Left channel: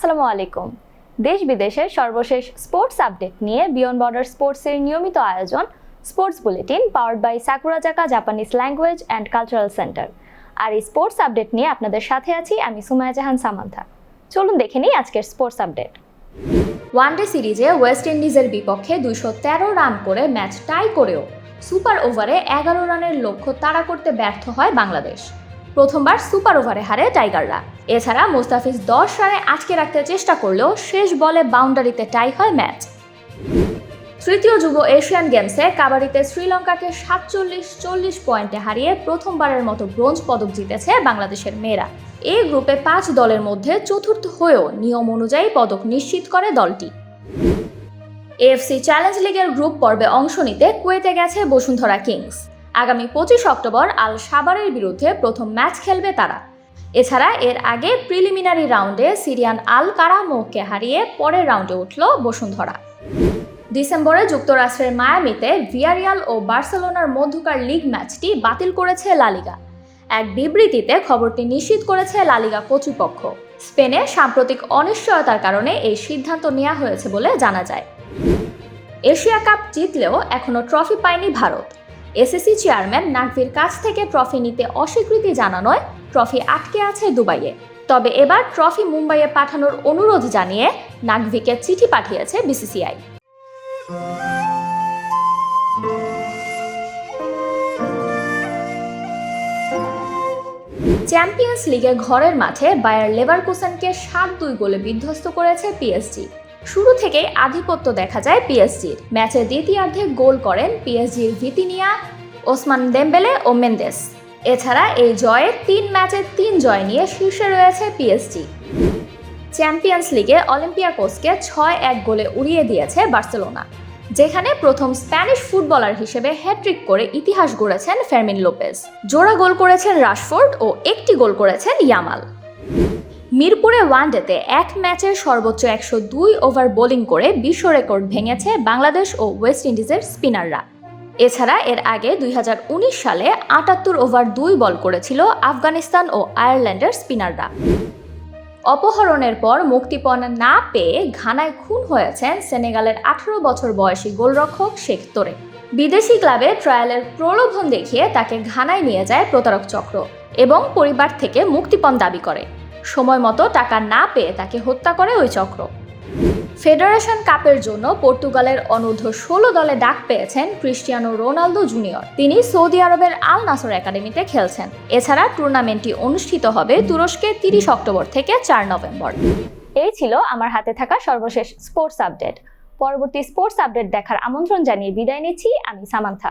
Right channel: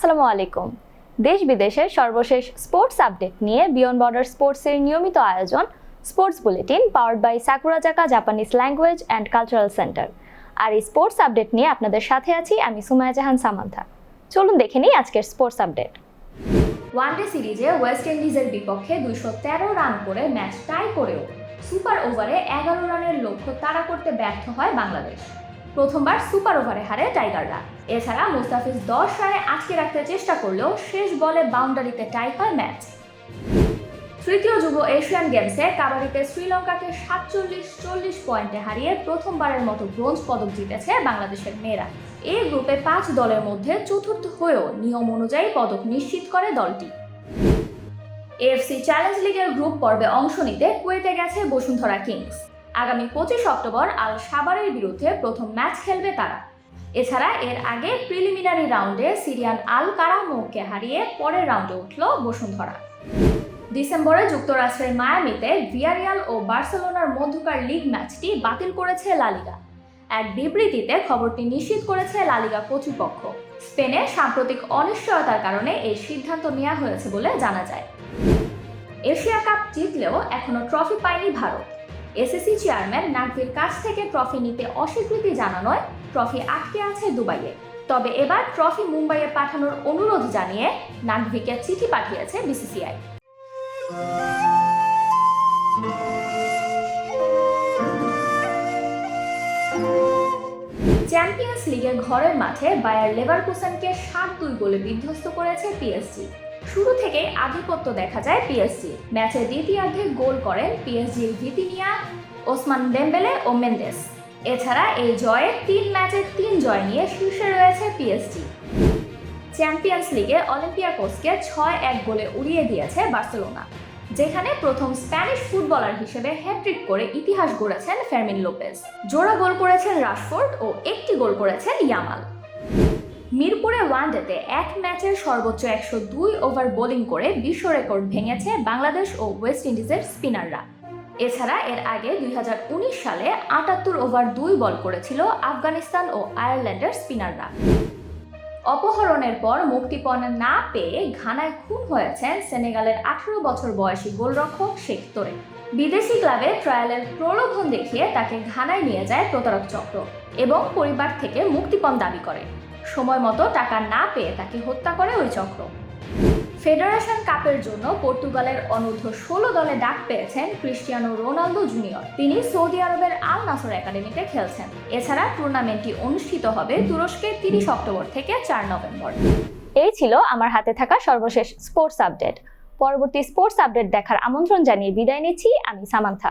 আসসালামু আলাইকুম। দেশ বিদেশের সর্বশেষ স্পোর্টস আপডেট নিয়ে বিয়ন্ড বর্ডার স্পোর্টসের নিয়মিত আয়োজন, sports bulletin powered by Sakurazaka Japanese language and cultural centre. আর এই স্পোর্টস আপডেট নিয়ে আপনাদের সাথে আছি আমি সুমায়া জাহান সামান্থা। চলুন দেখে নিই আজকের স্পোর্টস আপডেট। ওয়ানডে সিরিজে ওয়েস্ট ইন্ডিজের বিপক্ষে দুইশো তেরো রান করে ম্যাচ টাই করেও সুপার ওভারে এগারো রানের লক্ষ্য তাড়া করতে ব্যর্থ হয় বাংলাদেশ। প্রথমবার সুপার ওভারে হারে টাইগাররা। এছাড়া মুস্তাফিজ দশ রানে আটকে রাখতে চেষ্টা করলেও শেষ বলে বাউন্ডারিতে টাই হয় ম্যাচ। তৃতীয় যুব এশিয়ান গেমসে কাবাডিতে শ্রীলঙ্কাকে সাতচল্লিশ, চল্লিশ পয়েন্টে হারিয়ে প্রথমবারের মতো ব্রোঞ্জ পদক জিতেছে বাংলাদেশের মেয়েরা। এই গ্রুপে পাঁচ দলের মধ্যে চতুর্থ হয়েও নিয়ম অনুযায়ী পদক নিশ্চিত করে দলটি। এএফসি চ্যালেঞ্জ লিগের গ্রুপ পর্বে অংশ নিতে কুয়েতে গেছে বসুন্ধরা কিংস। আগামী পঁচিশ অক্টোবর আল সাবারের বিরুদ্ধে প্রথম ম্যাচ খেলবে তারা। এছাড়া এর আগে প্রিলিমিনারি রাউন্ডে সিরিয়ান আল কারামোকে হারিয়ে পরের রাউন্ডে উঠল বসুন্ধরা। ডিসেম্বরে যুক্তরাষ্ট্রের মায়ামিতে ভিয়ারিয়াল ও বার্সেলোনার মধ্যকার লিগ ম্যাচটি বাতিল করেছে লালিগা এক বিবৃতিতে খবরটি নিশ্চিত করেছে লালিগা কর্তৃপক্ষ। স্পেনে সাম্প্রতিক অনিশ্চয়তার কারণে এই সিদ্ধান্ত নেওয়া হয়েছে বলে জানা যায়। এশিয়া কাপ জিতলেও এখনও ট্রফি পায়নি ভারত। এসএসসি চেয়ারম্যান নাকভির কাছ থেকে ট্রফি নিতে অস্বীকৃতি জানানোয় ট্রফি আটকে আছে দুবাইয়ে। তবে এবার ট্রফি মুম্বাইয়ে পাঠানোর অনুরোধ জানিয়ে নাকভিকে চিঠি পাঠিয়েছে বিসিসিআই চ্যাম্পিয়ন্স লিগের ঘরের মাঠে বায়ার লেভারকুসেনকে সাত দুই গোলে বিধ্বস্ত করেছে পিএসজি শুরু থেকেই আধিপত্য দেখা যায় পিএসজির ম্যাচের দ্বিতীয়ার্ধে গোল করেন পিএসজির ভিতিনিয়া, ওসমান দেম্বেলে ও মেন্দেস। এছাড়া এই জয়ে তিন ম্যাচে তিন জয় নিয়ে শীর্ষে রয়েছে পিএসজি চ্যাম্পিয়ন্স লিগে অলিম্পিয়া অলিম্পিয়াকোসকে ছয় এক গোলে উড়িয়ে দিয়েছে বার্সেলোনা, যেখানে প্রথম স্প্যানিশ ফুটবলার হিসেবে হ্যাট্রিক করে ইতিহাস গড়েছেন ফেরমিন লোপেজ জোড়া গোল করেছেন রাশফোর্ড ও একটি গোল করেছেন ইয়ামাল। মিরপুরে ওয়ানডেতে এক ম্যাচের সর্বোচ্চ একশো দুই ওভার বোলিং করে বিশ্ব রেকর্ড ভেঙেছে বাংলাদেশ ও ওয়েস্ট ইন্ডিজের স্পিনাররা। এছাড়া এর আগে দুই হাজার উনিশ সালে আটাত্তর ওভার দুই বল করেছিল আফগানিস্তান ও আয়ারল্যান্ডের স্পিনাররা। অপহরণের পর মুক্তিপণ না পেয়ে ঘানায় খুন হয়েছেন সেনেগালের আঠারো বছর বয়সী গোলরক্ষক শেখ তোরে। বিদেশি ক্লাবে ট্রায়ালের প্রলোভন দেখিয়ে তাকে ঘানায় নিয়ে যায় প্রতারক চক্র এবং পরিবার থেকে মুক্তিপণ দাবি করে। সময় মতো টাকা না পেয়ে তাকে হত্যা করে ওই চক্র। ফেডারেশন কাপের জন্য পর্তুগালের অনূর্ধ্ব ষোলো দলে ডাক পেয়েছেন ক্রিস্টিয়ানো রোনালদো জুনিয়র। তিনি সৌদি আরবের আল নাসর একাডেমিতে খেলছেন। এছাড়া টুর্নামেন্টটি অনুষ্ঠিত হবে তুরস্কে তিরিশ অক্টোবর থেকে চার নভেম্বর। এই ছিল আমার হাতে থাকা সর্বশেষ স্পোর্টস আপডেট। পরবর্তী স্পোর্টস আপডেট দেখার আমন্ত্রণ জানিয়ে বিদায় নিচ্ছি, আমি সামান্থা।